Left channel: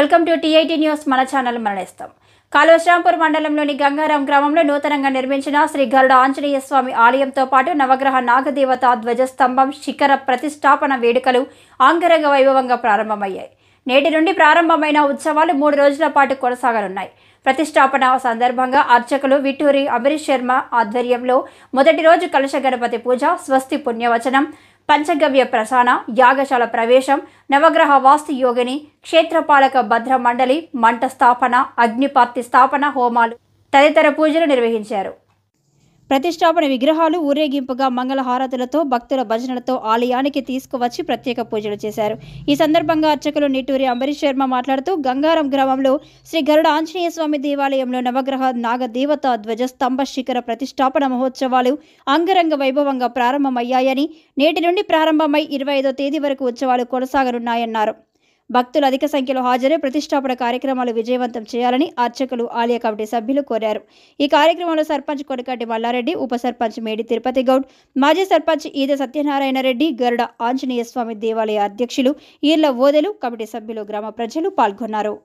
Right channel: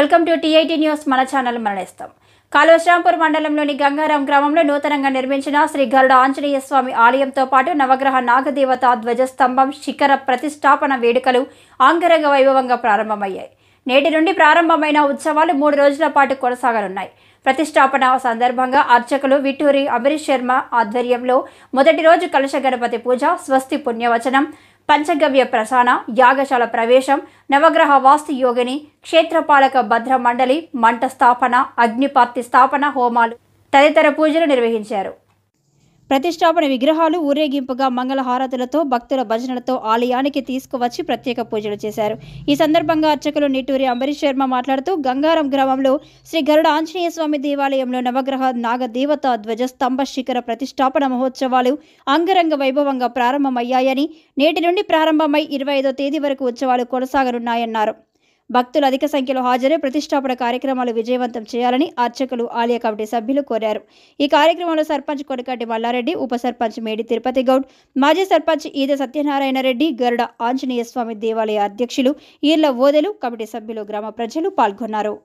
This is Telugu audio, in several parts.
Welcome to TIT news. మన ఛానల్ మరణిస్తాం. కాలువశ్రాంపూర్ మండలంలోని గంగారాం గ్రామంలో నూతనంగా నిర్మించిన శ్రీ గరుడ ఆంజనేయ స్వామి ఆలయంతో పాటు నవగ్రహ నాగదేవత ధ్వజస్తంభం శిఖర ప్రతిష్టాపన వేడుకలు అంగరంగ వైభవంగా ప్రారంభమయ్యాయి. నేటి నుండి ప్రారంభమైన ఉత్సవాలు 3 రోజుల పాటు కొనసాగనున్నాయి. ప్రతిష్టాపన సందర్భంగా అర్చకులు విట్టూరి అమరీష్ శర్మ ఆధ్వర్యంలో మొదటి రోజు కలశ గణపతి పూజ, స్వస్తి పుణ్యవచనం, పంచగవ్య ప్రసాన, యాగశాల ప్రవేశం, నవగ్రహ వాస్తు యోగిని, క్షేత్రపాలక భద్ర మండలి, మంట స్థాపన, అగ్నిపార్తి స్థాపన హోమాలు తదితర పూజలు నిర్వహించారు. ప్రతిష్టాపన విగ్రహాలు ఊరేగింపుగా మంగళహారతులతో భక్తుల భజనలతో ఆలయానికి తీసుకువచ్చి ప్రత్యేక పూజలు చేశారు. ఈ సందర్భంగా అర్చకులు నిట్టూరి అమరీష్ శర్మ మాట్లాడుతూ గంగారం గ్రామంలో శ్రీ గరుడ ఆంజనేయ స్వామి దేవాలయంలో నవగ్రహ నాగదేవత ధ్వజస్తంభ శిఖర ప్రతిష్టాపన మహోత్సవాలు అంగరంగ వైభవంగా ప్రారంభమయ్యాయని, నేటి నుండి ప్రారంభమై 25వ తేదీ వరకు ఉత్సవాలు కొనసాగనున్నాయన్నారు. భక్తులు అధిక సంఖ్యలో హాజరై ప్రతిష్టాపన కార్యక్రమాలు విజయవంతం చేయాలని అర్చకులు, ఆలయ కమిటీ సభ్యులు కోరారు. ఈ కార్యక్రమంలో సర్పంచ్ కొనకటి మల్లారెడ్డి, ఉప సర్పంచ్ మేడి తిరుపతి గౌడ్, మాజీ సర్పంచ్ ఈద సత్యనారాయణ రెడ్డి, గరుడ ఆంజనేయ స్వామి దేవాలయ అధ్యక్షులు ఈర్ల ఓదెలు, కమిటీ సభ్యులు, గ్రామ ప్రజలు పాల్గొన్నారు.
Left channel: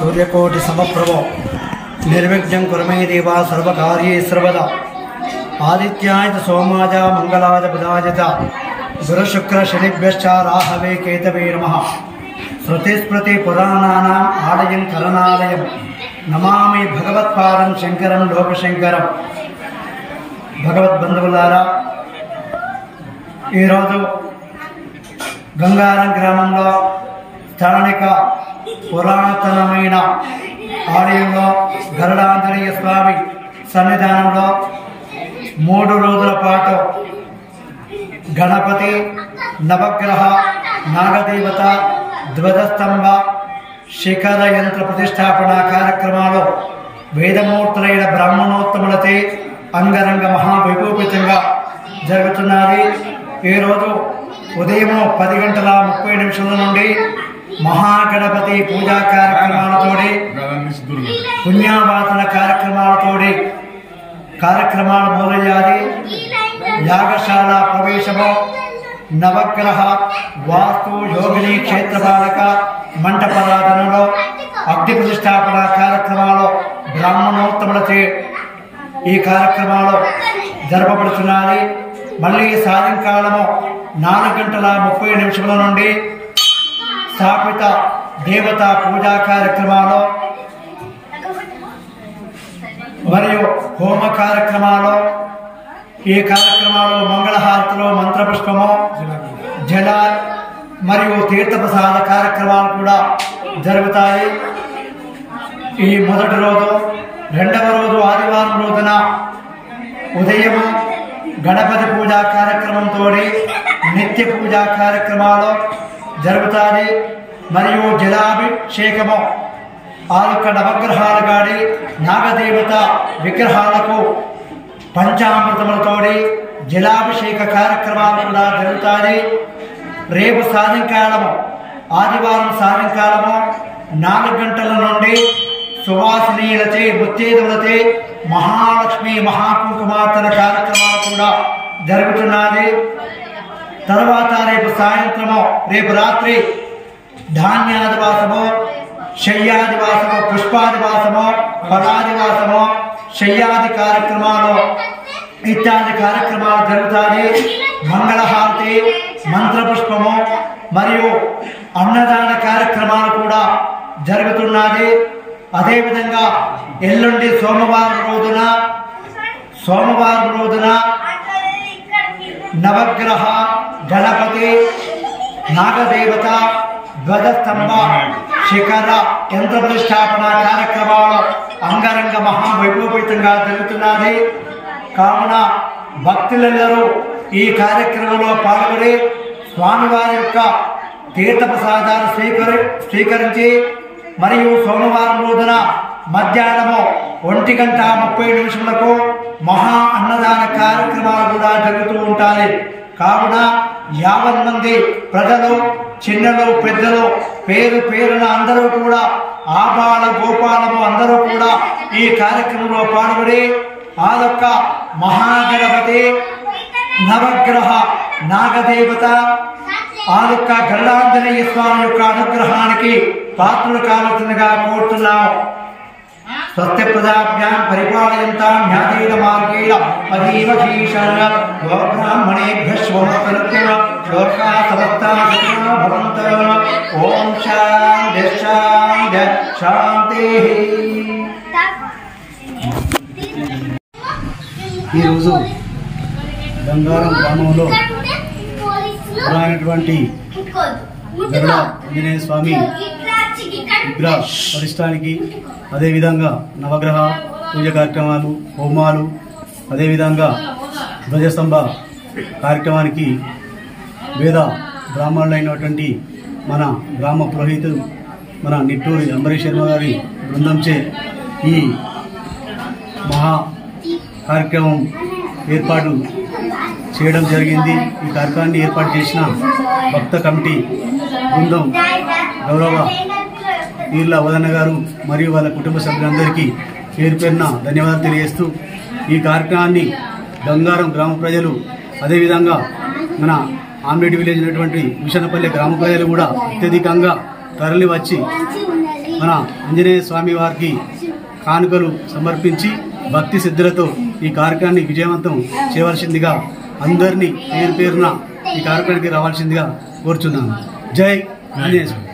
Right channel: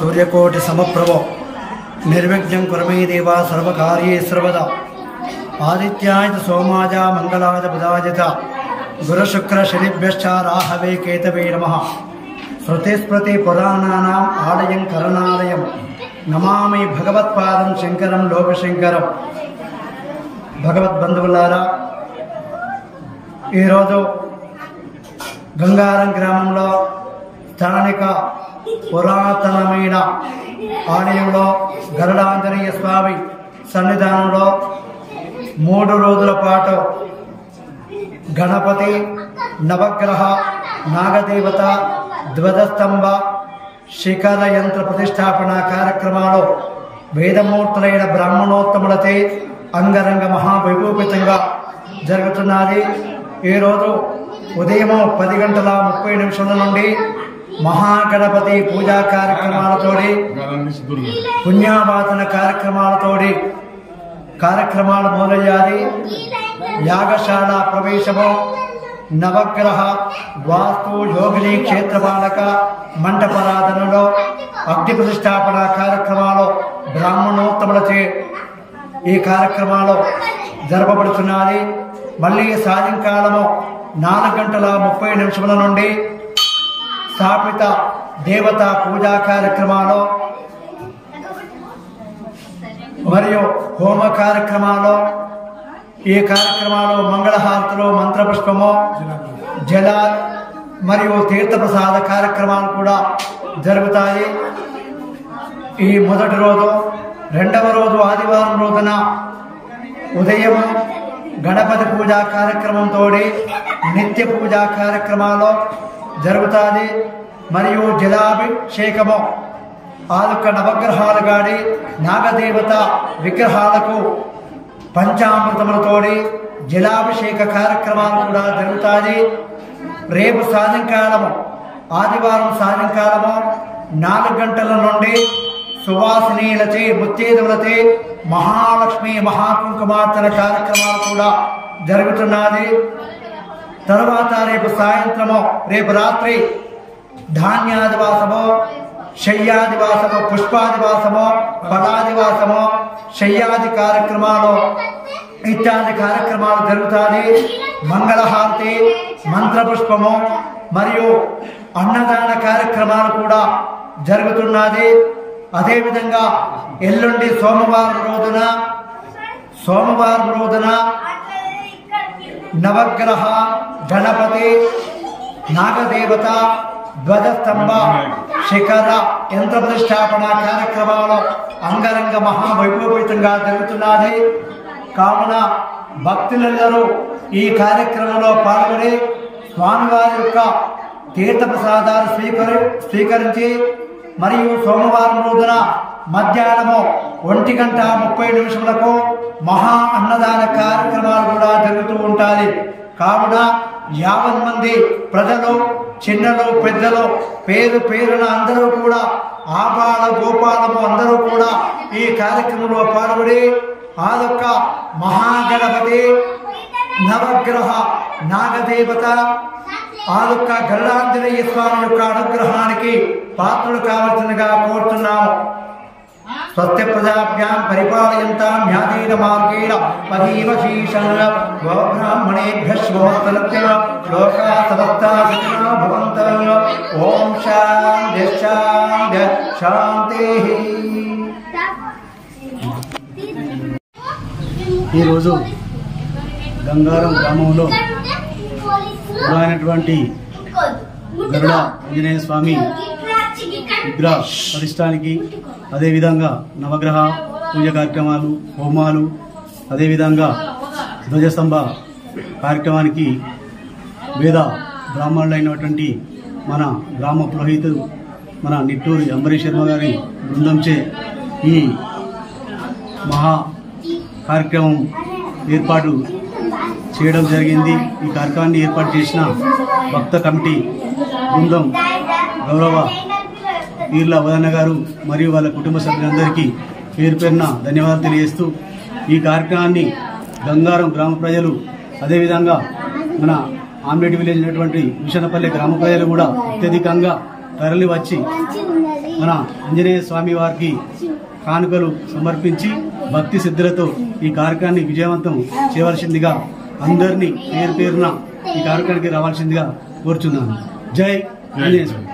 सूर्यकोटि समप्रभो निर्विघ्नं कुरु मे देव सर्वकार्येषु सर्वदा आदित्याय सोमाय मंगलाय बुधाय च गुरुशुक्र शनिभ्यश्च राहवे केतवे नमः। श्रुतिस्मृति पुराणानाम् आलयं करणालयं नमामि भगवत्पादं शंकरं लोकशंकरं। भगवद्बंधुవులారా, ఈరోజు గంగారం గ్రామంలో స్థానిక పురాతనమైన ఆలయంలో గరుడాంజనేయ స్వామి సన్నిధానంలో 3 రోజుల పాటు గణపతి, నవగ్రహ, నాగదేవత, ధ్వజస్తంభ, శిఖర యంత్ర ప్రతిష్టాపన కార్యక్రమాలు వేదమూర్తులైన బ్రాహ్మణోత్తములతో అంగరంగ మహావైభూపితంగా జరుగుతున్నది। ఈరోజు ఉదయం 10:30 నుండి మహాగణపతి పూజా కార్యక్రమాలతోటి, పుణ్యావాదన కార్యక్రమాలతోటి కార్యక్రమాలు మొదలయ్యాలి। యాగశాల ప్రవేశము, నవగ్రహ, వాస్తు, యోగిని, క్షేత్రపాలక, మంటపరాధనలో అగ్ని ప్రతిష్టాపన కార్యక్రమాలు బ్రాహ్మణోత్తములచే ఈ కార్యక్రమాలు జరపబడుతున్నాయి। మళ్ళీ సాయంకాలము 4:30 నుండి స్థాపిత దేవతా పూజా కార్యక్రమాలు మరియు హోమ కార్యక్రమాలు, ఈ కార్యక్రమాలు మంగళహారతులు, మంత్రపుష్పము, జల మరియు తీర్థప్రసాద కార్యక్రమాలు కూడా జరుగుతాయి। ఈ మొదటి రోజు, రెండవ రోజు ఆదివారం రోజున ఉదయం గణపతి పూజా కార్యక్రమంతో నిత్య పూజా కార్యక్రమాలు జరుగుతాయి మరియు జలాభిషేకము, ఆలుక నవగ్రహాలు గాడి నాగదేవత విగ్రహాలకు పంచామృతములతోటి జలాభిషేక కార్యక్రమాలు కూడా జరుగుతాయి। రేపు సాయంకాలము, ఆదివారం సాయంకాలము 4 గంటల నుండి సువాసినీలచే, ముత్తేదువులచే మహాలక్ష్మి మహాకుంకుమార్చన కార్యక్రమాలు కూడా జరుగుతున్నది। తరువాత రేపు రాత్రి ధాన్యాదివాసము, శయ్యాదివాసము, పుష్పాదివాసము, ఫలాదివాసము, శయ్యాది కార్యక్రమాలు ఇత్యాది కార్యక్రమాలు జరుగుతాయి। మంగళహారతి, మంత్రపుష్పము మరియు అన్నదాన కార్యక్రమాలు కూడా జరుగుతున్నది। అదేవిధంగా ఎల్లుండి సోమవారం రోజున నవగ్రహ, గణపతి, నాగదేవత, ధ్వజస్తంభ, శిఖర యంత్ర ప్రతిష్టాపన కార్యక్రమాలు అంగరంగ మహావైభూపితంగా జరుగుతున్నది। కావున భక్తులందరూ ఈ కార్యక్రమంలో పాల్గొని స్వామివారి యొక్క తీర్థప్రసాదాలు స్వీకరించి మరియు సోమవారం రోజున మధ్యాహ్నము 1:30 మహా అన్నదాన కార్యక్రమాలు కూడా జరుగుతూ ఉంటాయి। కావున 50 మంది ప్రజలు, చిన్నలు, పెద్దలు, పేరున అందరూ కూడా, ఆబాల గోపాలము అందరూ కూడా ఈ కార్యక్రమంలో పాల్గొని ఆ యొక్క మహాగణపతి, నవగ్రహ, నాగదేవత, ఆ యొక్క గరుడాంజనేయ స్వామి యొక్క అనుగ్రహానికి పాత్రులు కావలసిందిగా కోరుతున్నాము। స్వస్తి ప్రజాభ్యాం పరిపాలయంతాం న్యాయేన మార్గేణ మహీమహీషాయ గోబ్రాహ్మణేభ్యః శుభమస్తు లోకాః సమస్తాః సుఖినో భవంతు। ఓం శాంతి శాంతి శాంతి। ఈరోజు గంగారం గ్రామంలో పురాణటువంటి గరుడ ఆంజనేయ స్వామి విగ్రహ ప్రతిష్టానికి, అదేవిధంగా నవగ్రహ పూజ కార్యక్రమాలు, హోమాలు, అదేవిధంగా ధ్వజస్తంభ కార్యక్రమానికి వేద బ్రాహ్మణులైనటువంటి మన గ్రామ పురోహితుడు మన నిట్టూరి అంబరీష్ శర్మ గారి బృందంచే ఈ మహా కార్యక్రమం ఏర్పాటు చేయడం జరిగింది। ఈ కార్యక్రమాన్ని ఏర్పాటు చేసిన భక్త కమిటీ బృందం గౌరవ ఈర్ల వదన్న గారు మరియు వాళ్ళ కుటుంబ సభ్యులందరికీ పేరు పేరున ధన్యవాదాలు తెలియజేస్తూ, ఈ కార్యక్రమాన్ని గంగారం గ్రామ ప్రజలు, అదేవిధంగా మన ఆమ్లెట్ విలేజ్ అయినటువంటి విషనపల్లి గ్రామ ప్రజలు కూడా అత్యధికంగా తరలి వచ్చి మన ఆంజనేయ స్వామి వారికి కానుకలు సమర్పించి భక్తి సిద్ధులతో ఈ కార్యక్రమాన్ని విజయవంతం చేయవలసిందిగా అందరినీ పేరు పేరున ఈ కార్యక్రమానికి రావాల్సిందిగా కోరుచున్నాను. జై ఆంజనేయ స్వామి.